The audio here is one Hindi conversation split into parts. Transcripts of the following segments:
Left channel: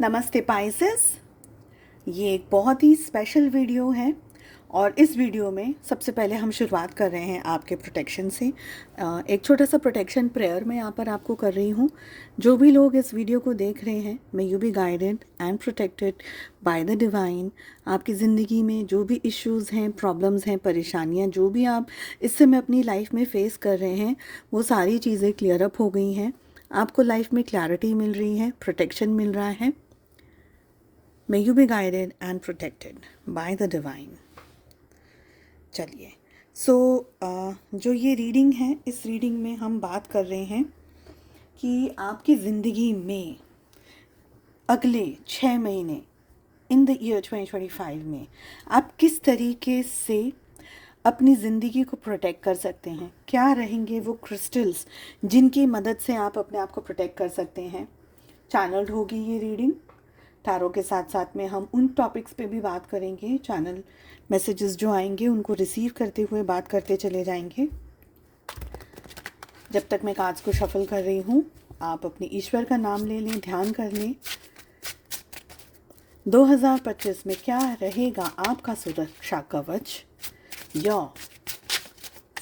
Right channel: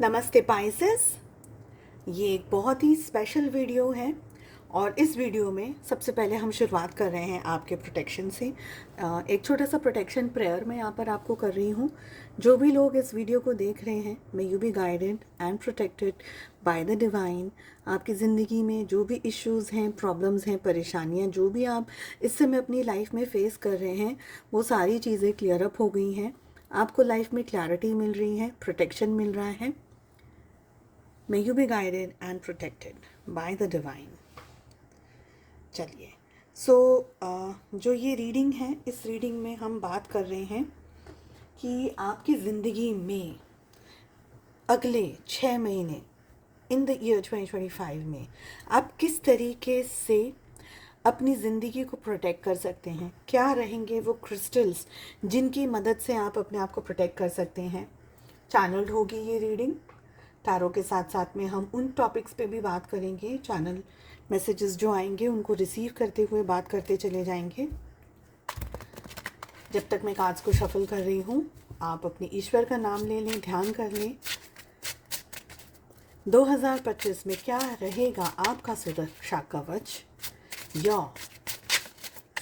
नमस्ते पाइसेस। ये एक बहुत ही स्पेशल वीडियो है और इस वीडियो में सबसे पहले हम शुरुआत कर रहे हैं आपके प्रोटेक्शन से। एक छोटा सा प्रोटेक्शन प्रेयर मैं यहाँ पर आपको कर रही हूँ। जो भी लोग इस वीडियो को देख रहे हैं, may you be guided and protected by the divine. आपकी ज़िंदगी में जो भी इश्यूज़ हैं, प्रॉब्लम्स हैं, परेशानियाँ जो भी आप इस समय अपनी लाइफ में फेस कर रहे हैं, वो सारी चीज़ें क्लियर अप हो गई हैं। आपको लाइफ में क्लैरिटी मिल रही है, प्रोटेक्शन मिल रहा है। May you be guided and protected by the divine। चलिए, जो ये रीडिंग है, इस रीडिंग में हम बात कर रहे हैं कि आपकी ज़िंदगी में अगले 6 महीने इन द ईयर 2025 में आप किस तरीके से अपनी ज़िंदगी को प्रोटेक्ट कर सकते हैं। क्या रहेंगे वो क्रिस्टल्स जिनकी मदद से आप अपने आप को प्रोटेक्ट कर सकते हैं। चैनल्ड होगी ये रीडिंग। टैरो के साथ साथ में हम उन टॉपिक्स पे भी बात करेंगे। चैनल मैसेजेस जो आएंगे उनको रिसीव करते हुए बात करते चले जाएंगे। जब तक मैं कार्ड्स को शफल कर रही हूँ, आप अपने ईश्वर का नाम ले लें, ध्यान कर लें। 2025 में क्या रहेगा आपका सुरक्षा कवच या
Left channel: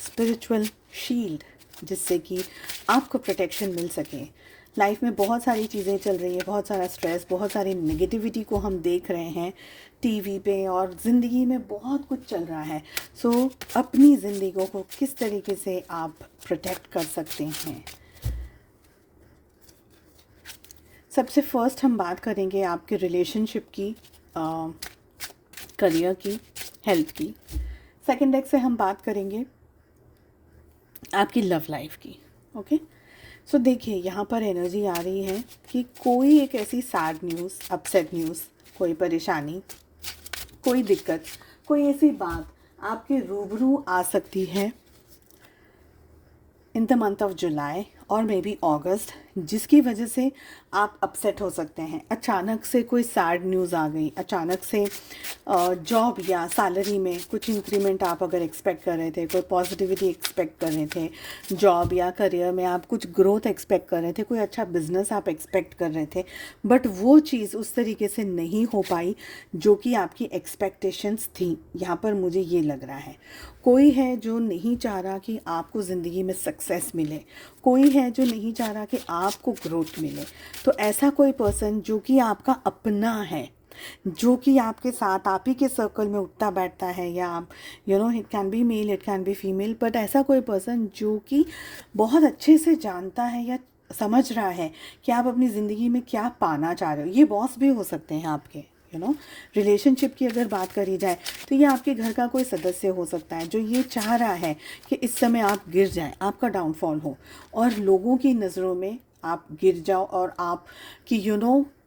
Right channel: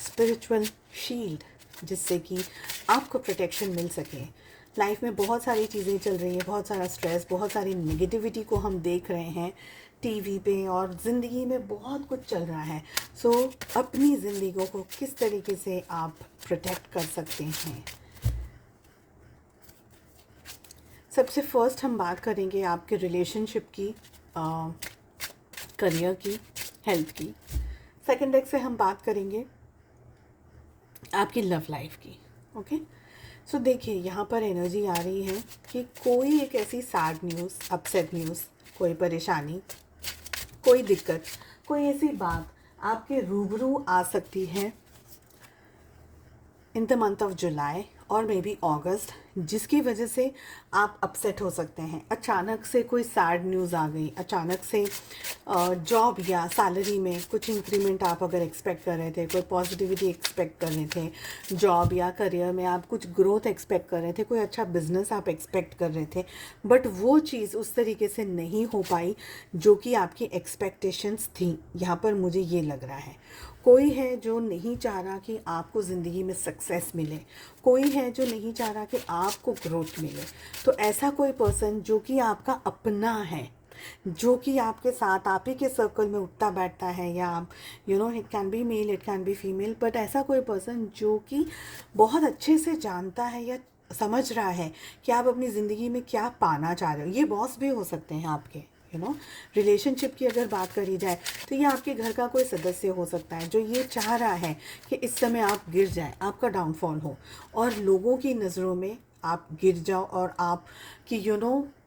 स्पिरिचुअल शील्ड, जिससे कि आपको प्रोटेक्शन मिल सके। लाइफ में बहुत सारी चीज़ें चल रही हैं, बहुत सारा स्ट्रेस, बहुत सारी नेगेटिविटी को हम देख रहे हैं टीवी पे, और ज़िंदगी में बहुत कुछ चल रहा है। अपनी ज़िंदगी को किस तरीके से आप प्रोटेक्ट कर सकते हैं। सबसे फर्स्ट हम बात करेंगे आपके रिलेशनशिप की, करियर की, हेल्थ की। सेकेंड डेक से हम बात करेंगे आपकी लव लाइफ की। ओके, देखिए यहाँ पर एनर्जी आ रही है कि कोई एक ऐसी सैड न्यूज़, अपसेट न्यूज़, कोई परेशानी, कोई दिक्कत, कोई ऐसी बात आपके रूबरू आ सकती है in the month of July और मे बी अगस्त, जिसकी वजह से आप अपसेट हो सकते हैं। अचानक से कोई सैड न्यूज़ आ गई, अचानक से जॉब या सैलरी में कुछ इंक्रीमेंट आप अगर एक्सपेक्ट कर रहे थे, कोई पॉजिटिविटी एक्सपेक्ट कर रहे थे, जॉब या करियर में आप कुछ ग्रोथ एक्सपेक्ट कर रहे थे, कोई अच्छा बिजनेस आप एक्सपेक्ट कर रहे थे, बट वो चीज़ उस तरीके से नहीं हो पाई जो कि आपकी एक्सपेक्टेशंस थी। यहाँ पर मुझे ये लग रहा है कोई है जो नहीं चाह रहा कि आपको ज़िंदगी में सक्सेस मिले, कोई है जो नहीं चाह रहा कि आपको ग्रोथ मिले। तो ऐसा कोई पर्सन जो कि आपका अपना है, जो कि आपके साथ आप ही के सर्कल में उठता बैठता है, या आप it can be male, it can be female, but ऐसा कोई पर्सन जो कि बहुत अच्छे से जानता है या समझ रहा है कि आप अपनी ज़िंदगी में क्या पाना चाह रहे हो। ये बॉस भी हो सकते हैं आपके। रिलेशनशिप की अगर बात करी जाए तो ये आपके घर का कोई सदस्य हो सकता है जो ये चाह रहा है कि इस समय आप गिर जाएं, आपका डाउनफॉल हो और लोगों की नज़रों में आप गिर जाओ, और आप कि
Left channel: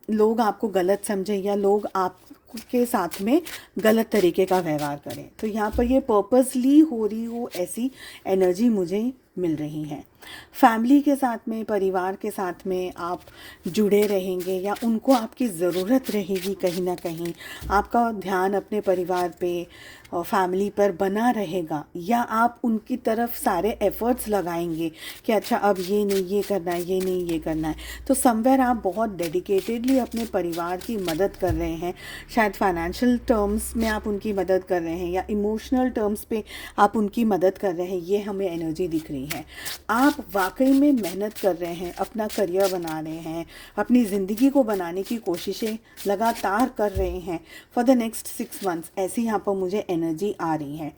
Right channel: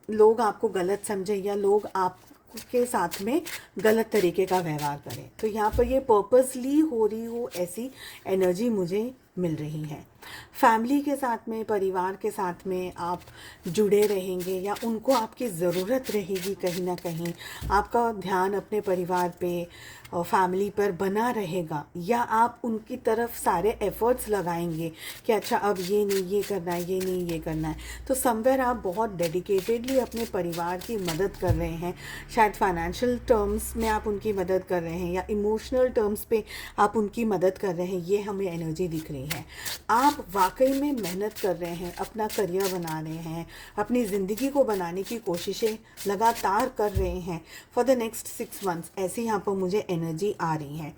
लोग आपको गलत समझें या लोग आपके साथ में गलत तरीके का व्यवहार करें। तो यहाँ पर ये पर्पसली हो रही हो ऐसी एनर्जी मुझे मिल रही है। फैमिली के साथ में, परिवार के साथ में आप जुड़े रहेंगे या उनको आपकी ज़रूरत रहेगी कहीं ना कहीं। आपका ध्यान अपने परिवार पे और फैमिली पर बना रहेगा, या आप उनकी तरफ सारे एफ़र्ट्स लगाएंगे कि अच्छा अब ये नहीं ये करना है, ये नहीं ये करना है। तो समवेयर आप बहुत डेडिकेटेडली अपने परिवार की मदद कर रहे हैं। शायद फाइनेंशियल टर्म्स में आप उनकी मदद कर रहे हैं या इमोशनल टर्म्स पे आप उनकी मदद कर रहे हैं। ये हमें एनर्जी दिख रही है। आप वाकई में मेहनत कर रहे हैं, अपना करियर बना रहे हैं, अपनी ज़िंदगी को बनाने की कोशिशें लगातार कर रहे हैं फॉर द नेक्स्ट 6 मंथ्स। ऐसी यहाँ पर मुझे एनर्जी आ रही है।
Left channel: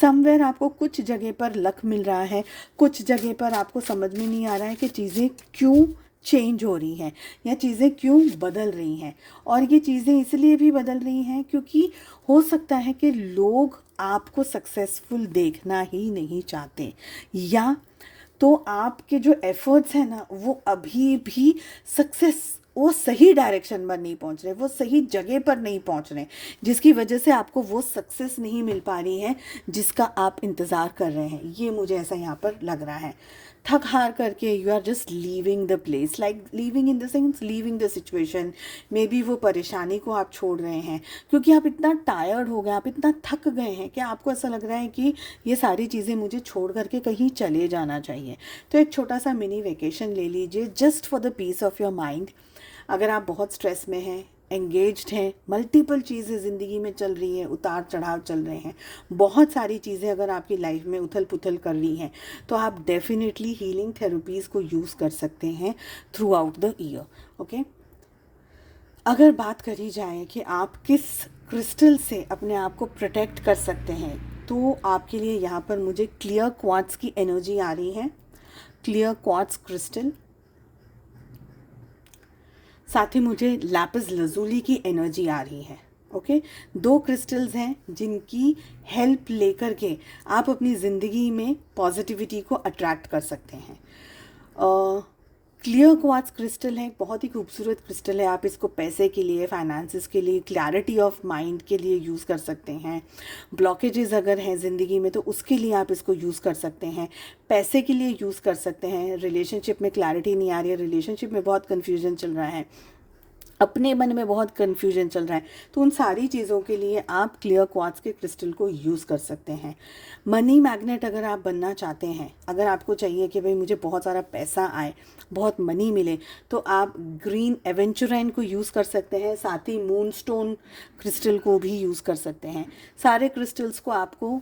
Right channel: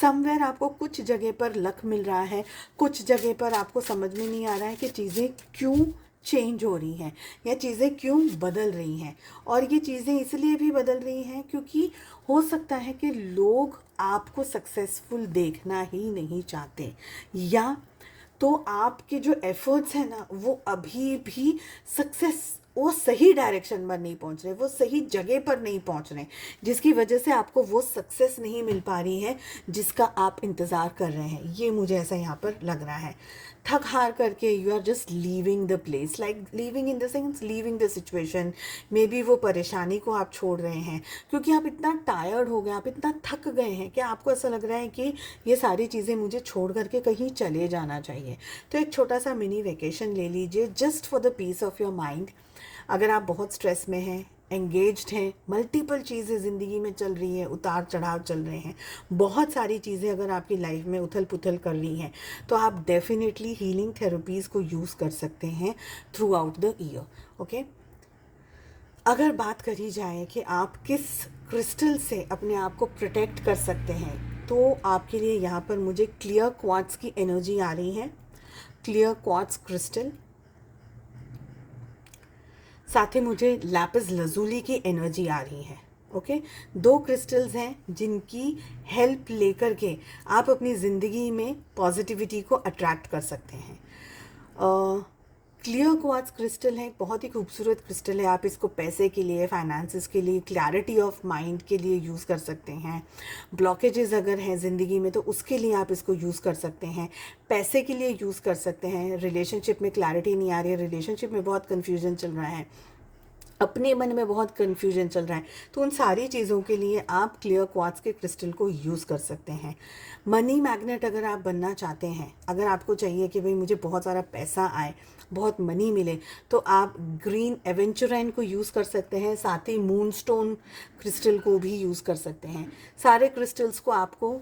समवेयर आपको कुछ जगह पर लक मिल रहा है, कुछ जगह पर आपको समझ में नहीं आ रहा है कि चीज़ें क्यों चेंज हो रही हैं या चीज़ें क्यों बदल रही हैं। और ये चीज़ें इसलिए भी बदल रही हैं क्योंकि हो सकता है कि लोग आपको सक्सेसफुल देखना ही नहीं चाहते, या तो आपके जो एफर्ट्स हैं ना वो अभी भी सक्सेस, वो सही डायरेक्शन में नहीं पहुंच रहे, वो सही जगह पर नहीं पहुंच रहे, जिसकी वजह से आपको वो सक्सेस नहीं मिल पा रही है जिसका आप इंतज़ार कर रहे हैं। ये मुझे ऐसा यहाँ पर लग रहा है। थक हार करके you are just leaving the place, like leaving in the sense leaving the situation. Maybe वो परेशानी को आप छोड़ रहे हैं क्योंकि आप इतना टायर्ड हो गए, आप इतना थक गए हैं कि आपको ऐसा लग रहा है कि ये सारी चीज़ें मुझे छोड़ करके कहीं चले जाना चाहिए। तो एक छोटा सा मिनी वेकेशन ले लीजिए just for the peace of your mind. अगर आप बहुत स्ट्रेस में हैं, एंगेज्ड हैं, मल्टीपल चीज़ें ज़िंदगी में चल रही हैं, उतार चढ़ाव चल रहे हैं, बहुत सारी चीज़ें अगर आपकी लाइफ में उथल पुथल कर रही हैं, तो आप डेफिनेटली हीलिंग थेरेपीज़ को यूज़ कर सकते हैं through out the year. Okay, अगर बात करी जाए कि आप किस क्रिस्टल से अपने आप को प्रोटेक्ट कर सकते हैं, तो आपके लिए यहाँ पर मुझे क्लियर क्वार्ट्ज की एनर्जी आ रही है। क्लियर क्वार्ट्ज क्रिस्टल, साथ ही मुझे लैपिस लजूली की एनर्जी आ रही है। ओके, दो क्रिस्टल्स हैं जिनकी हेल्प लेकर के आप अपनी ज़िंदगी में पॉजिटिविटी को अट्रैक्ट कर सकते हैं। क्लियर क्वार्ट्ज क्रिस्टल है, बहुत ही खूबसूरत क्रिस्टल है। आप इसको पैसे के लिए, फाइनेंसिस के लिए, क्लैरिटी ऑफ माइंड के लिए यूज़ कर सकते हैं। ब्लॉकेजेस अगर हैं ज़िंदगी में तो उसके लिए आप इसको यूज़ कर सकते हैं। पैसे के लिए यूज़ कर सकते हैं। रिलेशनशिप में क्लैरिटी नहीं आ रही है, रिलेशनशिप में बहुत कन्फ्यूजन चल रहा है, अपने मन में बहुत कन्फ्यूजन चल रहा है, तो उन सारी चीज़ों के लिए आप क्लियर क्वार्ट्ज के क्रिस्टल को यूज़ कर सकते हैं। मनी मैग्नेट अगर आप बनना चाहते हैं, अगर आपको चाहिए कि भाई मुझे बहुत सारा पैसा आए, बहुत मनी मिले, तो आप ग्रीन एवेंचुराइन को यूज़ कर सकते हैं। साथ ही मूनस्टोन क्रिस्टल को भी यूज़ कर सकते हैं। सारे क्रिस्टल्स को आपको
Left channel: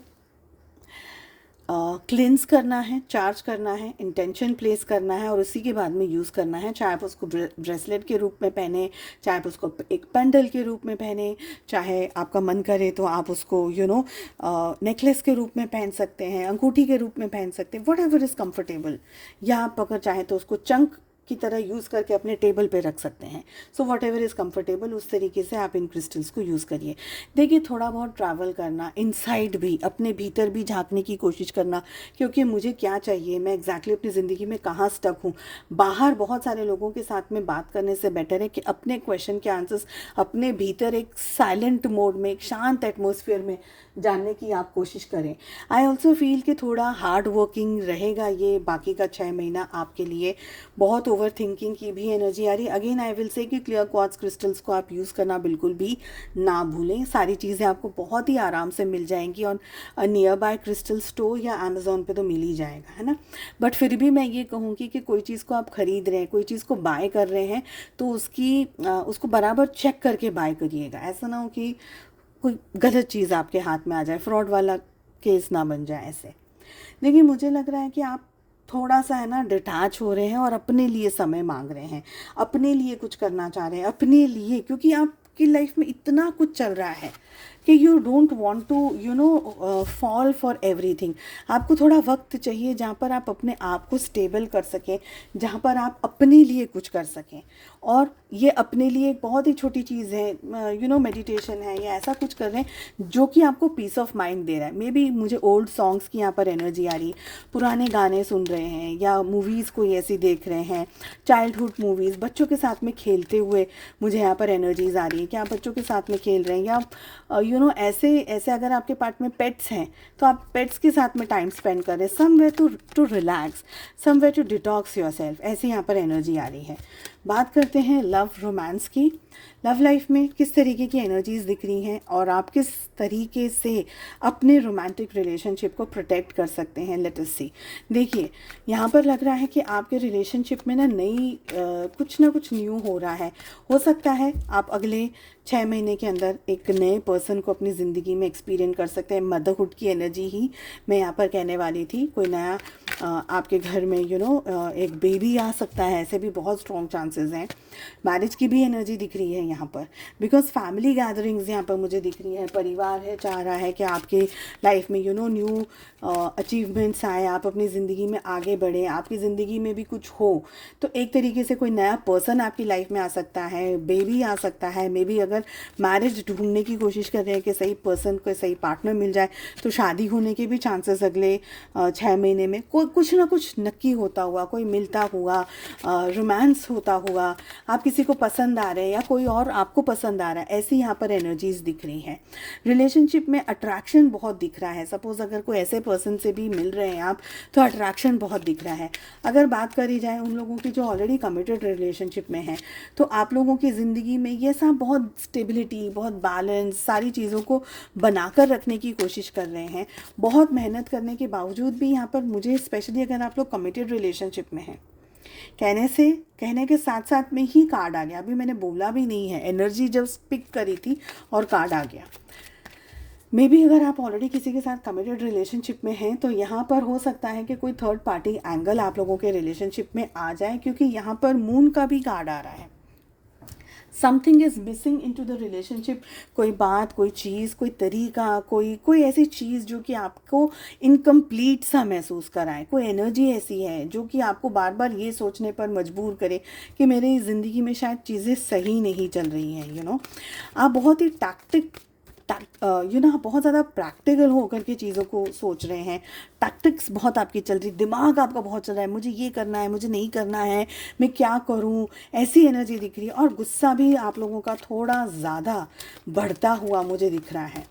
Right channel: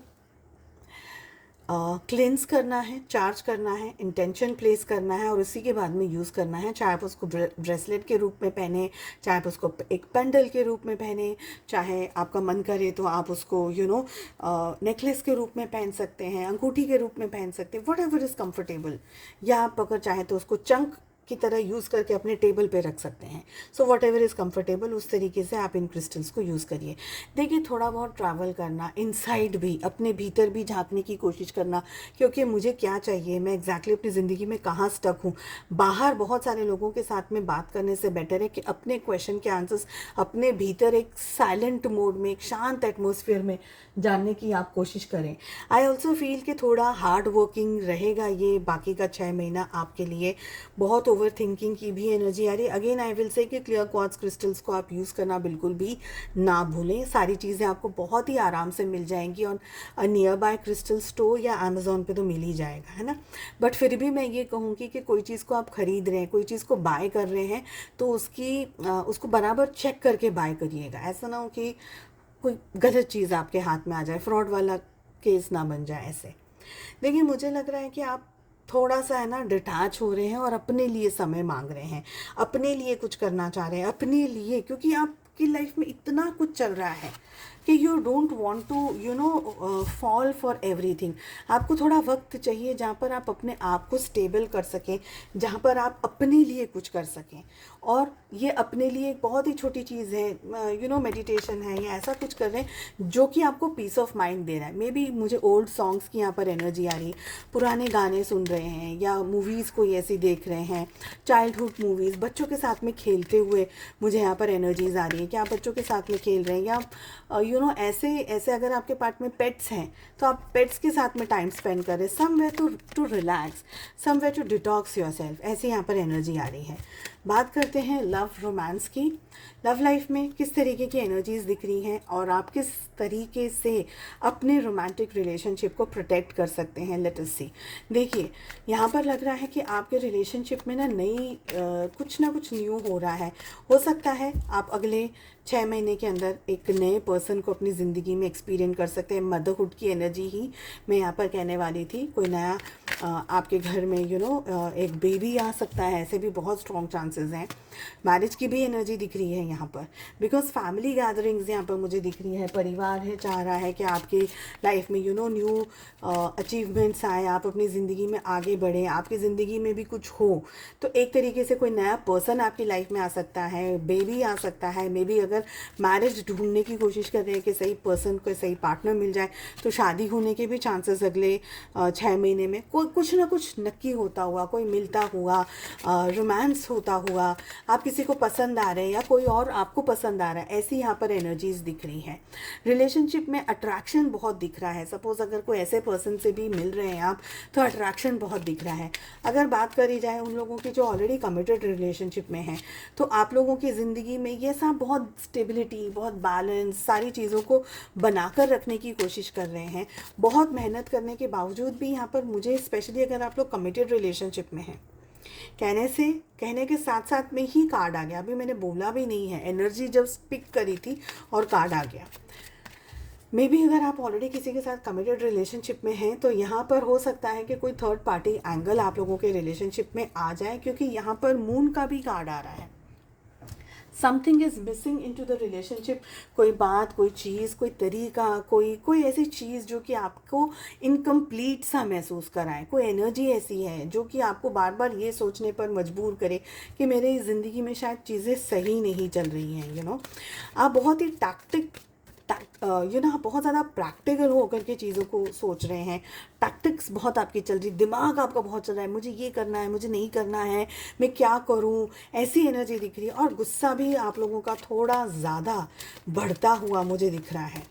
क्लिन्स करना है, चार्ज करना है, इंटेंशन प्लेस करना है और उसी के बाद में यूज़ करना है। चाहे आप उसको ब्रेसलेट के रूप में पहने, चाहे आप उसको एक पेंडल के रूप में पहने, चाहे आपका मन करे तो आप उसको नेकलेस के रूप में पहन सकते हैं, अंगूठी के रूप में पहन सकते हैं, वट एवर इज़ कम्फर्टेबल। या आप अगर चाहें तो उसको चंक की तरह यूज़ करके अपने टेबल पे रख सकते हैं। So what ever is comfortable, उस तरीके से आप इन क्रिस्टल्स को यूज़ करिए। देखिए, थोड़ा बहुत ट्रैवल करना, इनसाइड भी, अपने भीतर भी झांकने की कोशिश करना, क्योंकि मुझे क्या चाहिए, मैं एग्जैक्टली अपनी ज़िंदगी में कहाँ स्टक हूँ। बाहर बहुत सारे लोगों के साथ में बात करने से बेटर है कि अपने क्वेश्चन के आंसर्स अपने भीतर एक साइलेंट मोड में, एक शांत एटमोसफियर में जानने की आप कोशिश करें। आई ऑल्सो फील कि थोड़ा हार्ड वर्किंग रहेगा ये बाकी का 6 महीना आपके लिए। बहुत ओवर थिंकिंग की भी एनर्जी आ रही है। अगेन आई विल से कि क्लियर क्वार्ट्ज क्रिस्टल्स को आप यूज़ करना बिल्कुल भी ना भूलें। सारी चीज़ें आपको बहुत ही आराम से मिल जाएंगी और नियर बाय क्रिस्टल स्टोर या अमेज़ोन पे तो मिल ही जाएगा, है ना। बट फिर भी मैं ये कहूँगी कि कोई चीज़ को आप ख़रीद रहे हैं, कोई चीज़ को बाय कर रहे हैं, तो उसको बराबर चेक करके बाय करिएगा। ऐसा ना हो कि कोई गलत चीज़ आपके हाथ में आ जाए, फ्रॉड वाला केस ना बन जाए ऐसे। देखिए, मुझे लग रहा है कि आप थोड़ा सा है ना डिटैच हो रहे हैं और अपने लिए समय मांग रहे हैं, अपने लिए कुछ करना चाह रहे हैं, अपने लिए, क्योंकि आपकी लाइफ में इतना कुछ चल रहा है कि you don't want to fall for everything. आपको थोड़ा वक्त चाहिए जहाँ पर आप अपने आप को स्टेबल कर सकें, जहाँ पर आप अपने लिए कुछ कर सकें। और ये अपने लिए एक बहुत ही छोटी चीज़ है, मेडिटेशन है या ऐसा कुछ कर रहे हैं जो कि आपको पीस ऑफ माइंड दे रहा है। मे बी मुझे ओल्ड सॉन्ग्स की यहाँ पर एनर्जी आ रही, पुराने गाने सुन रहे हैं या मूवीज़ कोई ऐसी देख रहे हैं, चाइल्डहुड मूवीज़, बच्चों के साथ में खेलते हुए मुझे यहाँ पर एनर्जीज आ रही है कि आप बच्चों के साथ में खेल रहे हैं। या ऐसे अगर आपके पार्ट में पेट्स हैं तो आप पेट्स के साथ में टाइम स्पेंड करें, somewhere to relax, somewhere to detox yourself. ऐसी यहाँ पर एनर्जी आ रही है। बात करते हैं लव रोमांस की। लव लाइफ में किस तरीके की एनर्जीज दिख रही हैं और आप किस तरीके से अपने रोमांटिक रिलेशनशिप को प्रोटेक्ट कर सकते हैं, लेट अस सी। देखिए, यहाँ पर लग रहा है कि आपके रिलेशनशिप में कुछ ना कुछ न्यू हो रहा है। हो सकता है आप अगले 6 महीने के अंदर एक नए पर्सन को अपनी ज़िंदगी में एक्सपीरियंस कर सकते हैं। मदरहुड की एनर्जी ही मैं यहाँ पर कहने वाली थी। कोई नया आपके घर में एक बेबी आ सकता है, ऐसे भी बहुत स्ट्रॉन्ग चांसेस हैं। मैरिज की भी एनर्जी दिख रही है यहाँ पर, बिकॉज फैमिली गैदरिंग्स यहाँ पर मुझे दिख रही है। परिवार है चाह रहा है कि आपके लाइफ में न्यू अचीवमेंट्स आए, आप अपनी ज़िंदगी में आगे बढ़ें, आपकी ज़िंदगी में भी कुछ हो। तो एक तरीके से कोई नया पर्सन आपकी लाइफ में आ सकता है, बेबी आ सकता है। मे बी अगर मैरिज ढूंढने की कोशिश कर रहे हैं कि सही पर्सन को, सही पार्टनर मिल जाए, तो शादी होने के भी चांसेस अगले 6 महीने में कुछ ना कुछ नक्की होता हुआ, कोई मिलता हुआ, रोमांस होता हुआ, आप किसी को पसंद आ रहे हैं या कोई और आपको पसंद आ रहा है, ऐसी यहाँ पर एनर्जीज दिख रही हैं। रिलेशनशिप में अट्रैक्शन बहुत दिख रहा है। सपोज अगर कोई ऐसे पर्सन से भी मिल रहे हैं आप, तो अट्रैक्शन बहुत दिख रहा है। अगर बात करी जाए उन लोगों की जो ऑलरेडी कमिटेड रिलेशनशिप में हैं, तो आप लोगों की ज़िंदगी में ये सब बहुत स्टेबिलिटी, बहुत बैलेंस, सारी चीज़ों को बनाकर रखने की कोशिश कर रहे हैं। बहुत मेहनत करने के बावजूद भी यहाँ पर मुझे, स्पेशली अगर आप लोग कमिटेड रिलेशनशिप में हैं, कहने के साथ साथ में ही कार्ड आ गया, अभी मैंने बोला भी नहीं है, एनर्जी जब पिक करी थी और कार्ड आ गया। मे बी अगर आप ऑलरेडी किसी के साथ कमिटेड रिलेशनशिप में हैं तो यहाँ पर हो सकता है कि कोई थर्ड पार्टी एंगल आप लोगों के रिलेशनशिप में आ जाए, क्योंकि यहाँ पर मून का भी कार्ड आ रहा है। Something is missing in to the relationship, कोई बात, कोई चीज़, कोई तरीका, कोई ऐसी चीज़ जो कि आपको इनकम्प्लीट सा महसूस कराए, कोई एनर्जी ऐसी है जो कि आपको बार बार ये सोचने पर मजबूर करे कि मेरी ज़िंदगी में शायद चीज़ें सही नहीं चल रही हैं। आप बहुत ही बहुत ज़्यादा प्रैक्टिकल होकर के चीज़ों को सोच रहे हैं, टैक्टिक्स बहुत आपकी चल रही, दिमाग आपका बहुत चल रहा है, मुझे ये करना है, मुझे नहीं करना है, मैं क्या करूं, ऐसी एनर्जी दिख रही है। और गुस्सा भी आप लोगों का थोड़ा ज़्यादा बढ़ता हुआ मुझे दिख रहा है।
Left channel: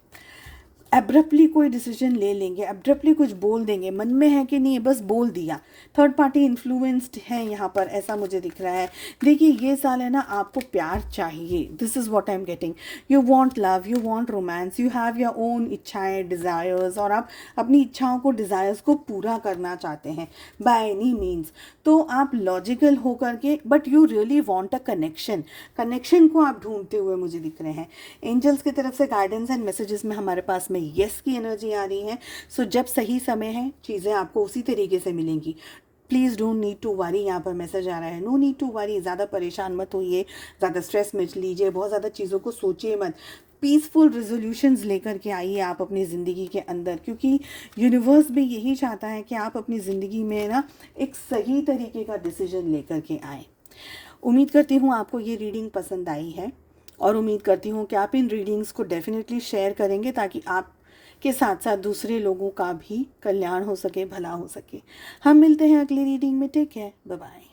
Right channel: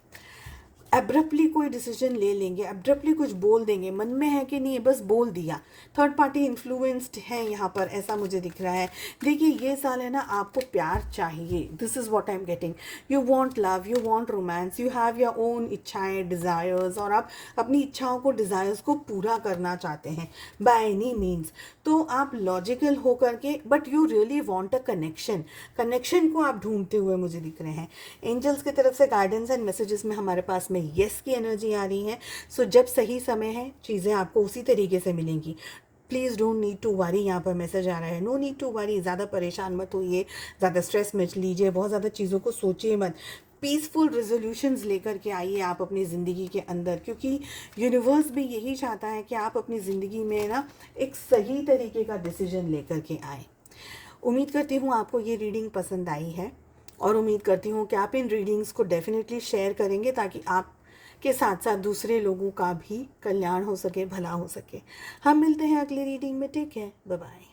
एब्रप्टली कोई डिसीजन ले लेंगे, एब्रप्टली कुछ बोल देंगे, मन में है कि नहीं बस बोल दिया। थर्ड पार्टी इन्फ्लुएंस्ड है यहाँ पर, ऐसा मुझे दिख रहा है। देखिए ये साल है ना, आपको प्यार चाहिए, this is what I am getting. You want love, you want romance, you have your own इच्छाएं, डिज़ायर्स, और आप अपनी इच्छाओं को, डिज़ायर्स को पूरा करना चाहते हैं बाय एनी मीन्स। तो आप लॉजिकल होकर के, but you really want a connection को आप ढूंढते हुए मुझे दिख रहे हैं। एंजल्स की तरफ से गाइडेंस एंड मैसेजेस में हमारे पास में यस की एनर्जी आ रही है। सो जब सही समय है चीज़ें आपको उसी तरीके से मिलेंगी। Please don't need to worry, यहाँ पर मैसेज आ रहा है, नो नीड टू वरी, ज़्यादा परेशान मत होइए, ज़्यादा स्ट्रेस मत लीजिए, बहुत ज़्यादा चीज़ों को सोचिए मत। पीसफुल रेजोल्यूशंस लेकर के आइए आप अपनी ज़िंदगी के अंदर, क्योंकि यूनिवर्स भी यही चाहता है कि आप अपनी ज़िंदगी में ना एक सही तरीके का डिसीजन लेकर के आए। उम्मीद करती हूँ आपको ये रीडिंग पसंद आई है, और उम्मीद करती हूँ कि आप इन रीडिंग्स को डेफिनेटली शेयर करेंगे ताकि आप के साथ साथ दूसरे लोगों का भी कल्याण हो सके, भला हो सके। हम मिलते हैं अगली रीडिंग में। Take care, bye bye.